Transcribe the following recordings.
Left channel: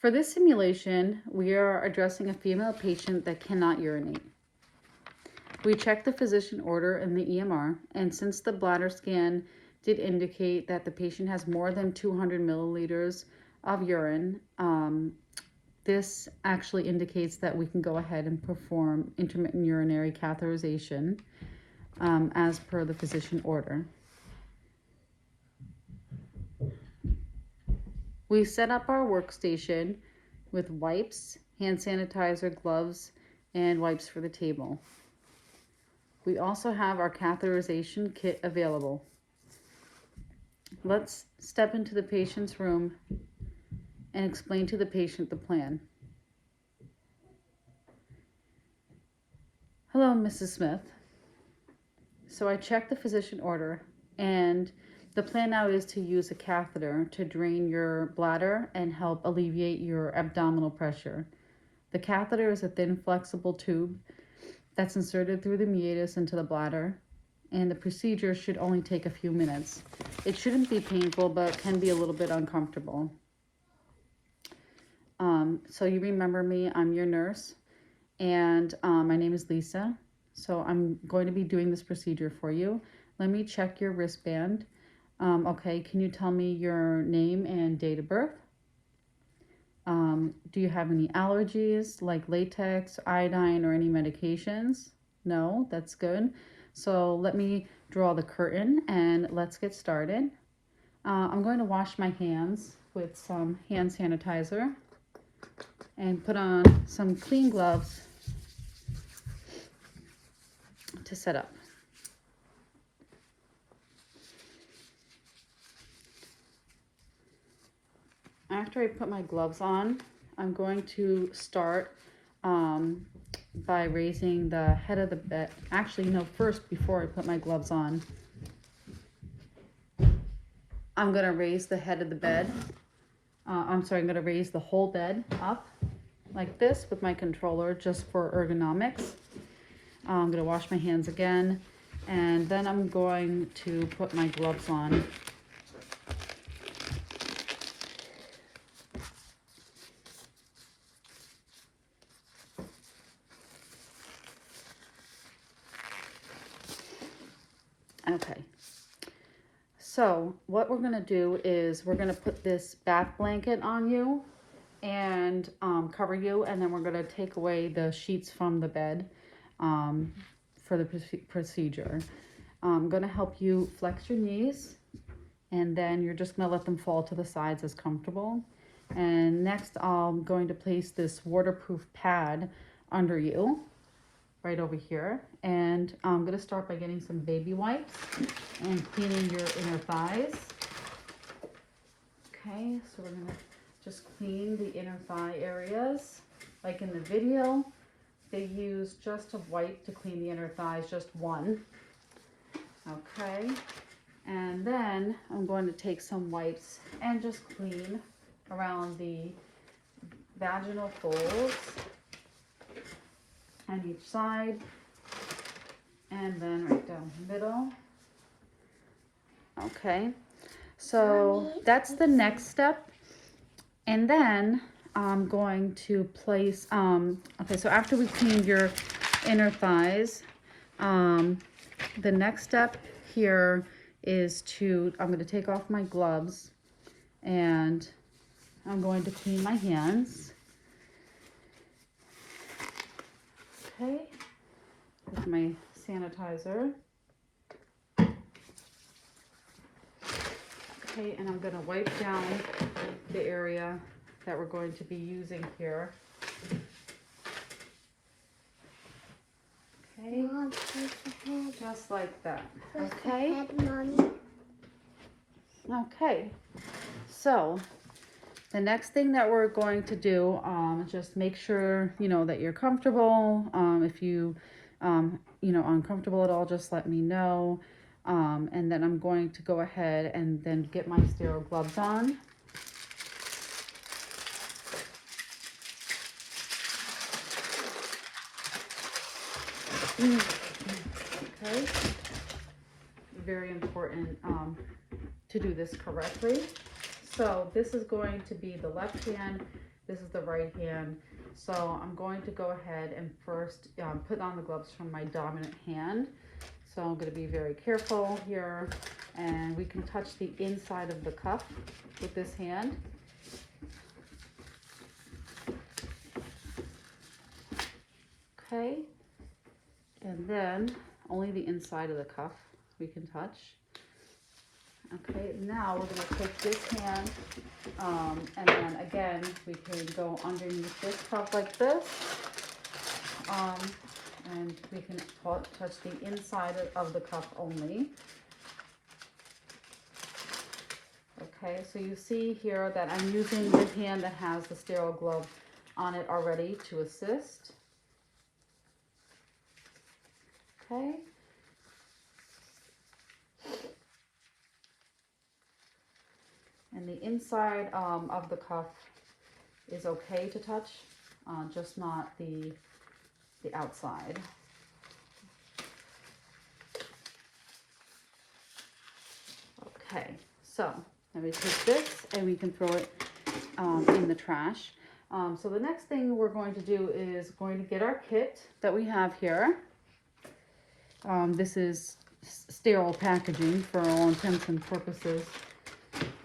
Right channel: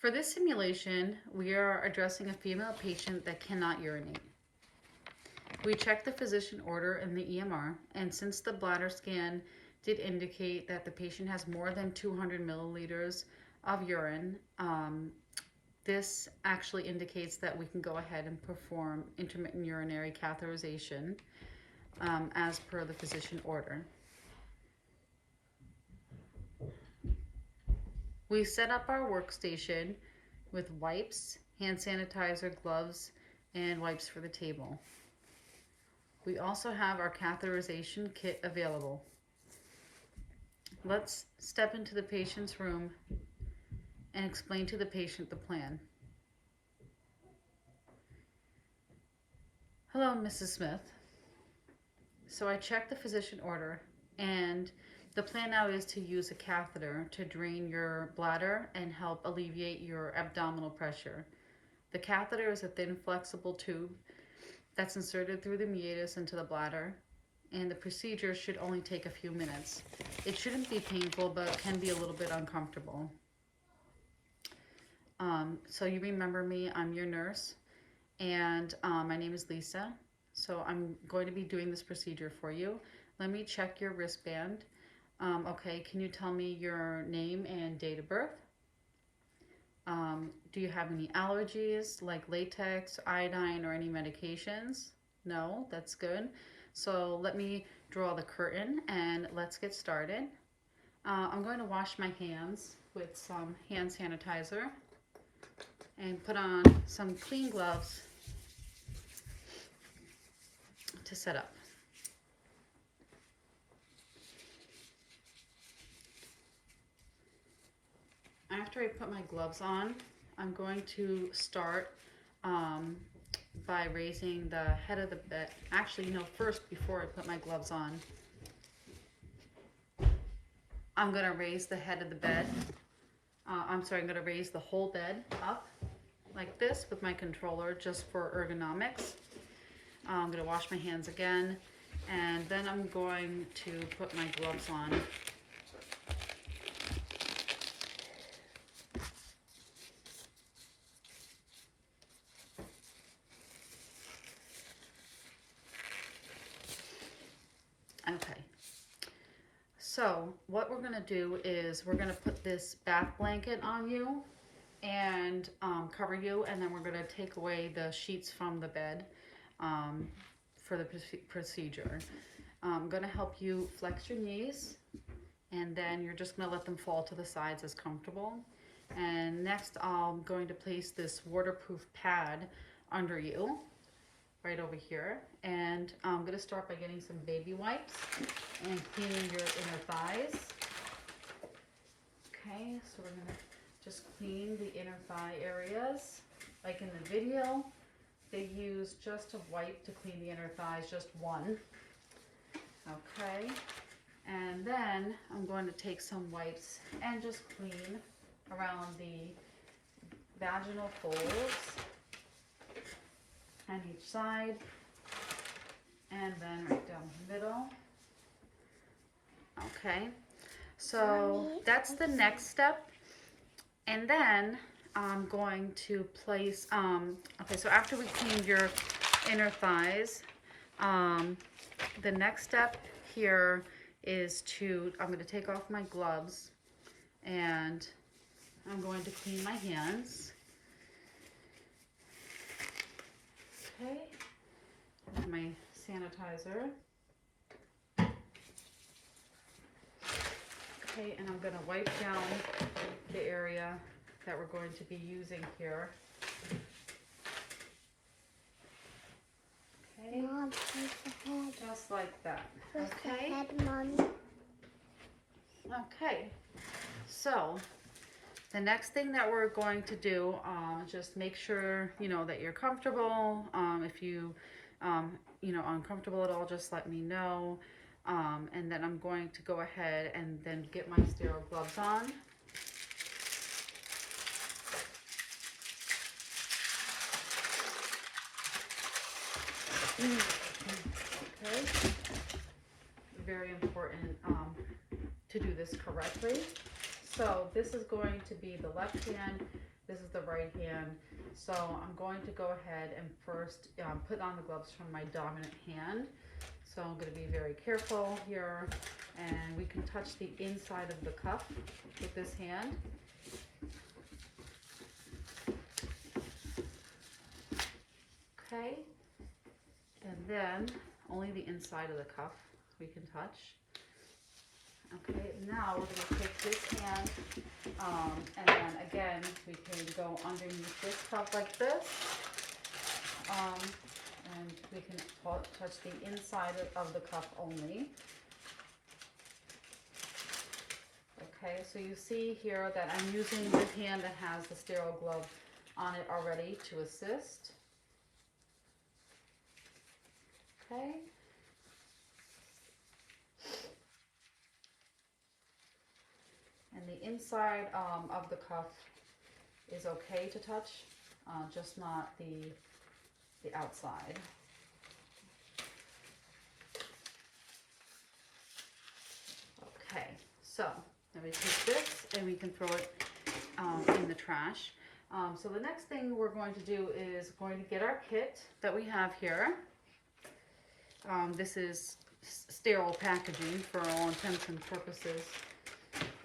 For this simulation, we are addressing a female patient that cannot urinate. We checked the physician order in the EMR, and since the bladder scan did indicate that the patient has more than 200 milliliters of urine, this actually indicates that we can go ahead and perform intermittent urinary catheterization as per the physician order. We set up our workstation with wipes, hand sanitizer, gloves, and wipes for the table. We also have our catheterization kit available. Let's step into the patient's room and explain to the patient the plan. Hello, Mrs. Smith. So I checked the physician order, and the plan now is to use a catheter to drain your bladder and help alleviate your abdominal pressure. The catheter is a thin, flexible tube that's inserted through the meatus into the bladder, and the procedure should only take a few minutes. It shouldn't be painful, but can be a little bit uncomfortable. So you remember me, I'm your nurse, and my name is Lisa. So I'm going to be doing this procedure for you. Let me check your wristband. Okay, can you tell me your name and date of birth? Do you have any allergies like latex, iodine, or any medications? No, that's good. So let me draw the curtain and let's get started. I'm going to wash my hands with some hand sanitizer and put on some clean gloves to set up. After I put my gloves on, I'm going to start by raising the head of the bed. Actually, no, first, before I put my gloves on, I'm going to raise the head of the bed. I'm going to raise the whole bed up like this with my controller just for ergonomics. I'm going to wash my hands again, and then I'm going to put my gloves on. Okay, so what we're going to do is we're going to put this bath blanket on you and cover you, and then we're going to take away the sheets from the bed for the procedure. I'm going to help you flex your knees, and then you're just going to let them fall to the sides as comfortable. And next I'm going to place this waterproof pad under you right over here, and I'm going to start by getting some baby wipes and cleaning your inner thighs. Okay, so we're going to just clean the inner thigh areas. Like in the video, they use just a wipe to clean the inner thighs, just one. Okay, and then I'm going to take some wipes and just clean around the vaginal folds on each side, and then right down the middle. Okay, so that's the next step. And then I'm going to place, okay, so after we clean your inner thighs, the next step here is I'm going to take off my gloves, and I'm going to clean my hands. Okay, with my sanitizer. Okay, and I'm going to wipe down the area that we're going to be using here. Okay, just like that. Okay. Okay, so the next thing that we're going to do, just make sure, that you're comfortable. If you, uncomfortable at all, just let me know. And then I'm going to go ahead and then get my sterile gloves on. Okay, very important to do this correctly. So this is going to be the left hand, This is the right hand. So I'm going to go ahead and first put on the gloves from my dominant hand. So I'm going to be very careful here, and we can touch the inside of the cuff with this hand. Okay, and then only the inside of the cuff we can touch. Okay, now we're going to take this hand, and then again we can go underneath this cuff like this, and we can touch the inside of the cuff only. Okay, so you see here that I'm using this hand that has the sterile glove on it already to assist. Okay. And the inside of the cuff is okay to touch, just not the outside. Okay, so let me take this and we can throw it in the trash. So the next thing we're going to do is going to get our kit that we have here. This is sterile packaging for all intents and purposes.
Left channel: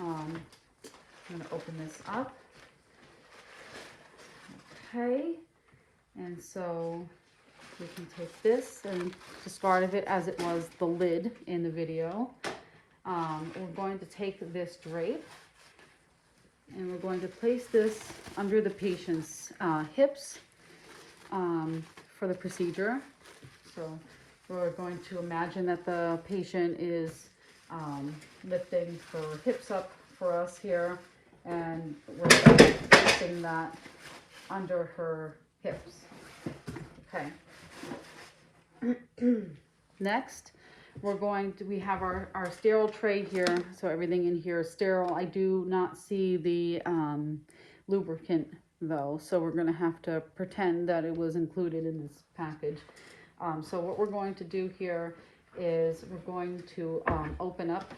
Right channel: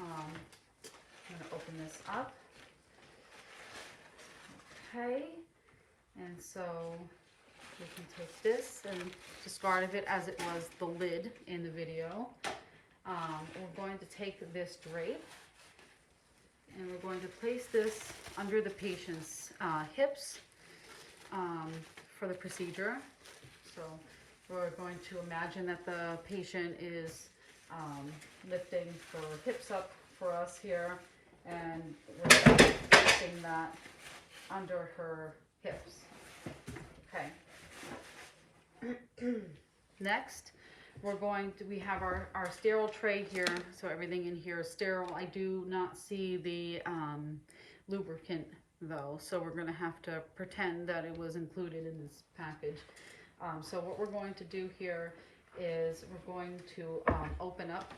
I'm going to open this up. Okay, and so we can take this and discard of it as it was the lid in the video. We're going to take this drape and we're going to place this under the patient's hips for the procedure. So we're going to imagine that the patient is lifting her hips up for us here, and we're placing that under her hips. Okay. Next, we have our sterile tray here, so everything in here is sterile. I do not see the lubricant though, so we're gonna have to pretend that it was included in this package. So what we're going to do here is we're going to open up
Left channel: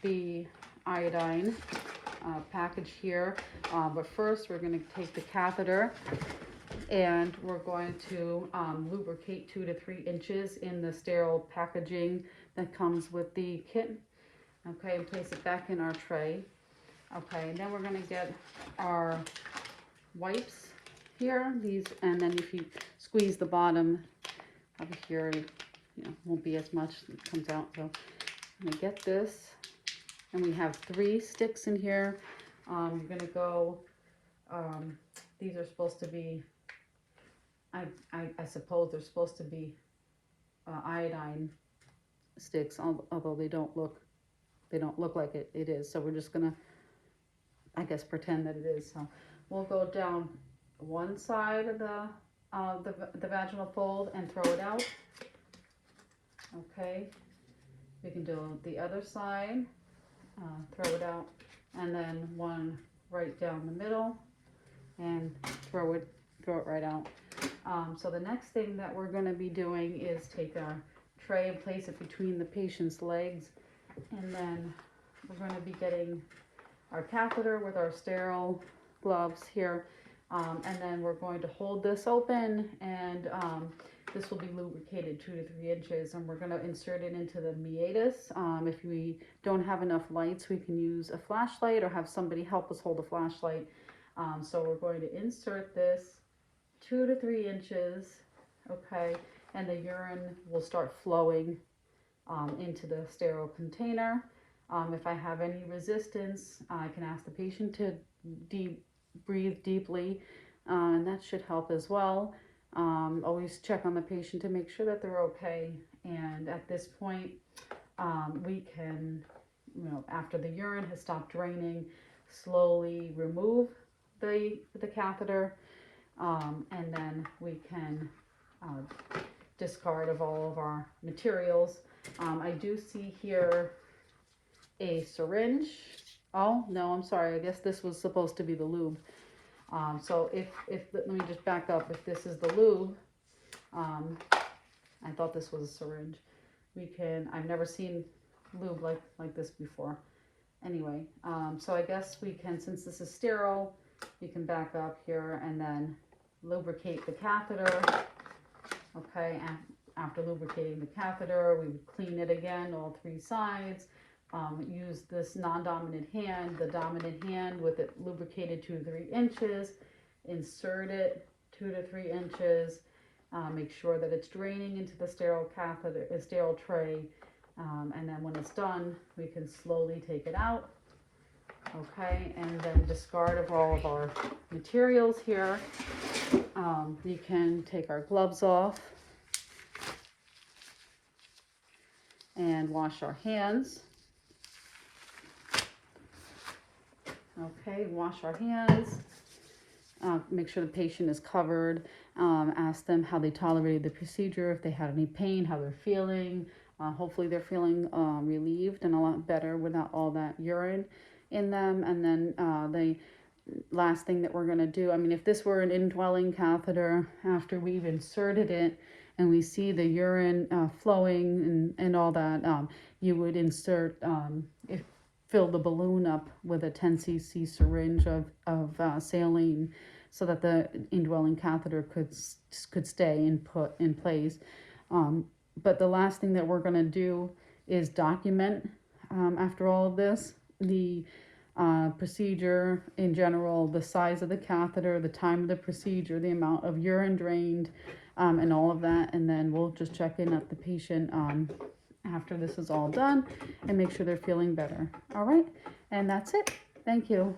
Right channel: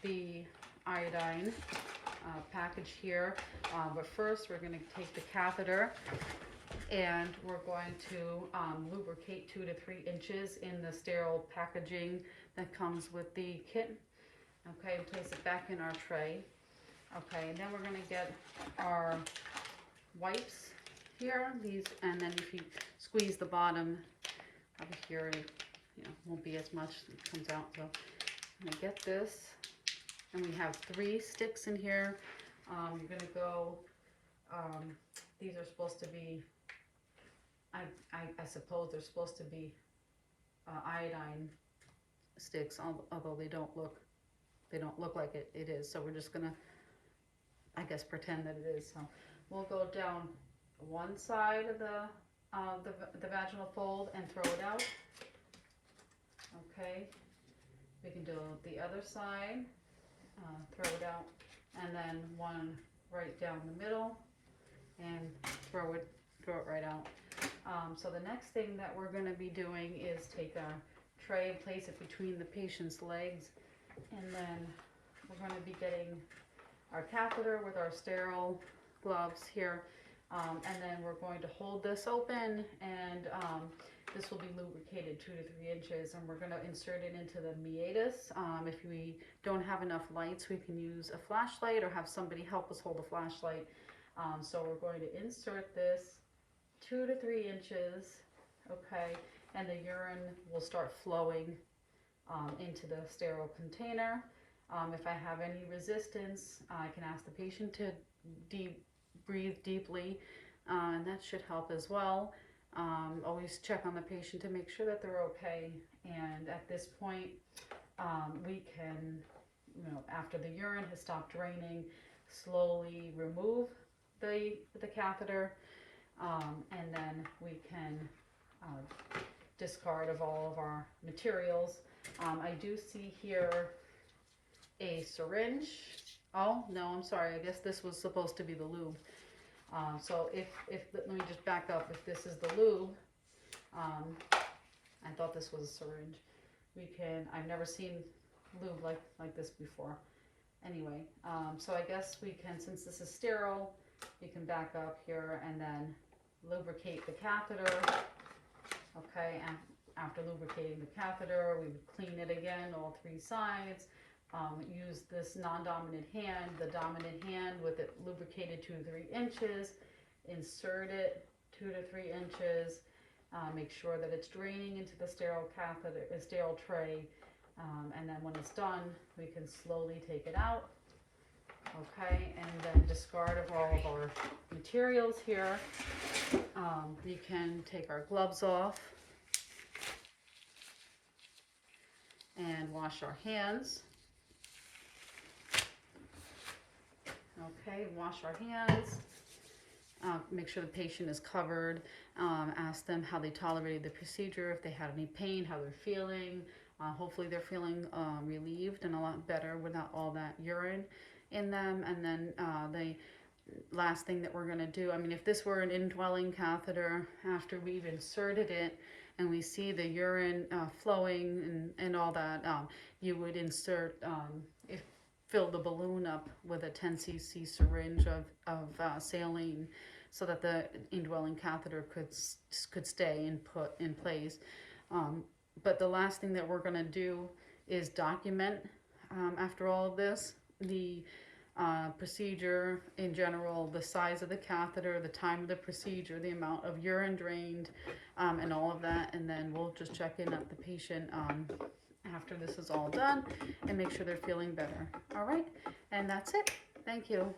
the iodine package here, but first we're going to take the catheter and we're going to lubricate 2 to 3 inches in the sterile packaging that comes with the kit. Okay, and place it back in our tray. Okay, and then we're going to get our wipes here, and then if you squeeze the bottom over here, won't be as much that comes out. So I'm going to get this, and we have 3 sticks in here. You're going to go, these are supposed to be, I suppose they're supposed to be iodine sticks, although they don't look like it is. So we're just going to, I guess, pretend that it is. So we'll go down one side of the vaginal fold and throw it out. Okay, we can do the other side, throw it out, and then one right down the middle and throw it right out. So the next thing that we're going to be doing is take our tray and place it between the patient's legs, and then we're going to be getting our catheter with our sterile gloves here, and then we're going to hold this open, and this will be lubricated 2 to 3 inches, and we're going to insert it into the meatus. If we don't have enough lights, we can use a flashlight or have somebody help us hold a flashlight. So we're going to insert this 2 to 3 inches, okay, and the urine will start flowing into the sterile container. If I have any resistance, I can ask the patient to breathe deeply, and that should help as well. Always check on the patient to make sure that they're okay. And at this point, we can, after the urine has stopped draining, slowly remove the catheter, and then we can discard of all of our materials. I do see here a syringe. Oh, no, I'm sorry. I guess this was supposed to be the lube. So let me just back up. If this is the lube, I thought this was a syringe. I've never seen lube like this before. Anyway, so I guess we can, since this is sterile, You can back up here and then lubricate the catheter. Okay, and after lubricating the catheter, we would clean it again, all 3 sides. Use this non-dominant hand, the dominant hand with it lubricated 2 to 3 inches. Insert it 2 to 3 inches. Make sure that it's draining into the sterile catheter, sterile tray. And then when it's done, we can slowly take it out. Okay, and then discard of all of our materials here. We can take our gloves off and wash our hands. Okay, wash our hands. Make sure the patient is covered. Ask them how they tolerated the procedure, if they had any pain, how they're feeling. Hopefully they're feeling relieved and a lot better without all that urine in them. And then the last thing that we're going to do, I mean, if this were an indwelling catheter, after we've inserted it and we see the urine flowing and all that, you would insert, fill the balloon up with a 10 cc syringe of saline so that the indwelling catheter could stay and put in place. But the last thing that we're going to do is document, after all of this, the procedure in general, the size of the catheter, the time of the procedure, the amount of urine drained, and all of that. And then we'll just check in at the patient after this is all done and make sure they're feeling better. All right, and that's it. Thank you.